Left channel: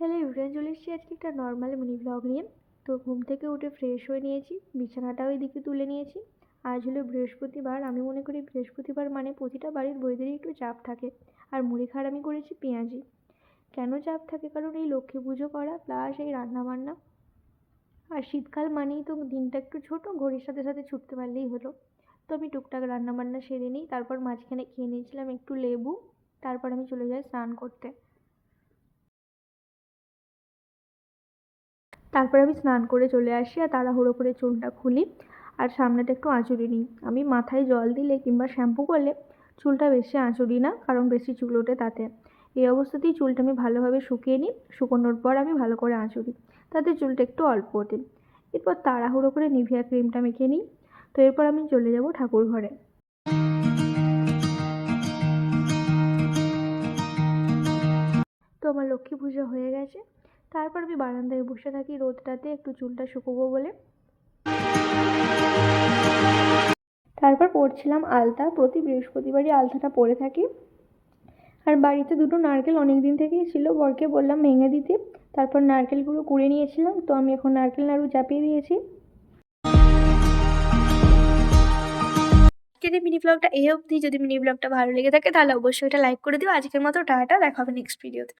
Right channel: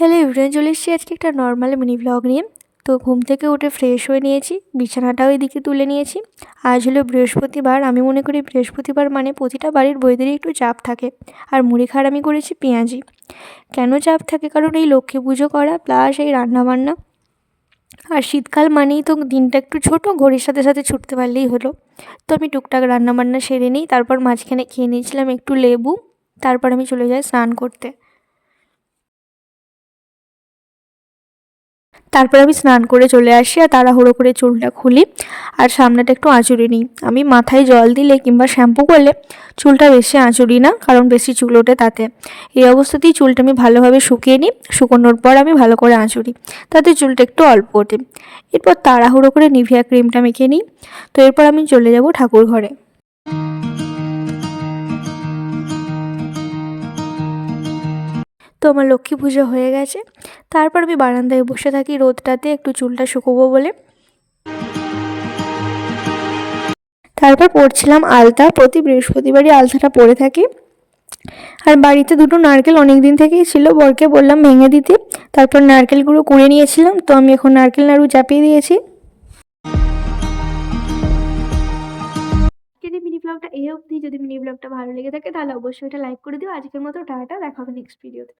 Hello everyone, চলে এসেছি আজকে একটা নর্মাল মিনি ব্লগ নিয়ে। তো ঘুম থেকে উঠে ফ্রেশ হয়ে নিয়েছি, বিছানাটাও এদিকে তুলে নিয়েছি। আজ হলো বৃহস্পতিবার। আমি মনে করি বৃহস্পতিবার মানে প্রতিটা বাড়ির বউদেরই একটু চাপ থাকে। আর মুড়ি খাওয়ার আমি করেছি পেঁয়াজি। কেন চাপ থাকে? কারণ এই লক্ষ্মী পুজো করা প্লাস এই রান্নাবান্না। আর শীতকাল মানেই তো দিনটা একটু ছোট, ঘড়ির সাথে সাথে ছুটতে পারলেই হলো। তো আমি টুকটাক রান্নাবান্না সেরে নিই, তারপর মাঝখানে খেয়ে নিয়েছিলাম একটু লেবু। তারপর আমি চলে যাই স্নান করতে। তারপর আমি স্নান করে চলে আসি আর তাড়াহুড়ো করে চুলটা খুলি আর সামনেটা একটু আঁচড়ে নিই। আমি মাথায় জল দিলে কিংবা শ্যাম্পু করলে চুলটা বেশি আঁচড়ি না, কারণ বেশি চুল ওঠে তাতে। এই অবস্থাতেই চুলটা আমি ভালোভাবে শুকিয়ে নিই। শুকোনোর পর আমি ভালো করে আঁচড়ি, তাতে চুলটা একটু অল্প ওঠে। এরপর তাড়াহুড়ো করে নিভিয়া ক্রিমটা মেখে নিই। তো এরপর আমি চলে যাব ঠাকুর ঘরে। তো আমার লক্ষ্মী পুজো হয়ে গেছে। তারপর আমি বারান্দায় বসে থাকি রোদটাতে একটু চুলটা শুকোবো বলে। তারপর পরছিলাম আলতা। প্রতি বৃহস্পতিবারই আলতাটা পরে থাকি। আর বাড়িতে দুটো নারকেল অনেক দিন থেকেই ছিল, বরকে বললাম ভেঙে দিতে। তারপর নারকেলগুলো কুড়ে নিয়েছিলাম, তো আমি এখন নারকেল নাড়ু চাপিয়ে দিয়েছি। আজকের এই মিনি ব্লগটা এই অবধি। যদি মিনি ব্লগটা ভালো লেগে থাকে তাহলে অবশ্যই এটা লাইক করে দিও। আজকের মতো টাটা, দেখা হবে নেক্সট ভিডিওতে।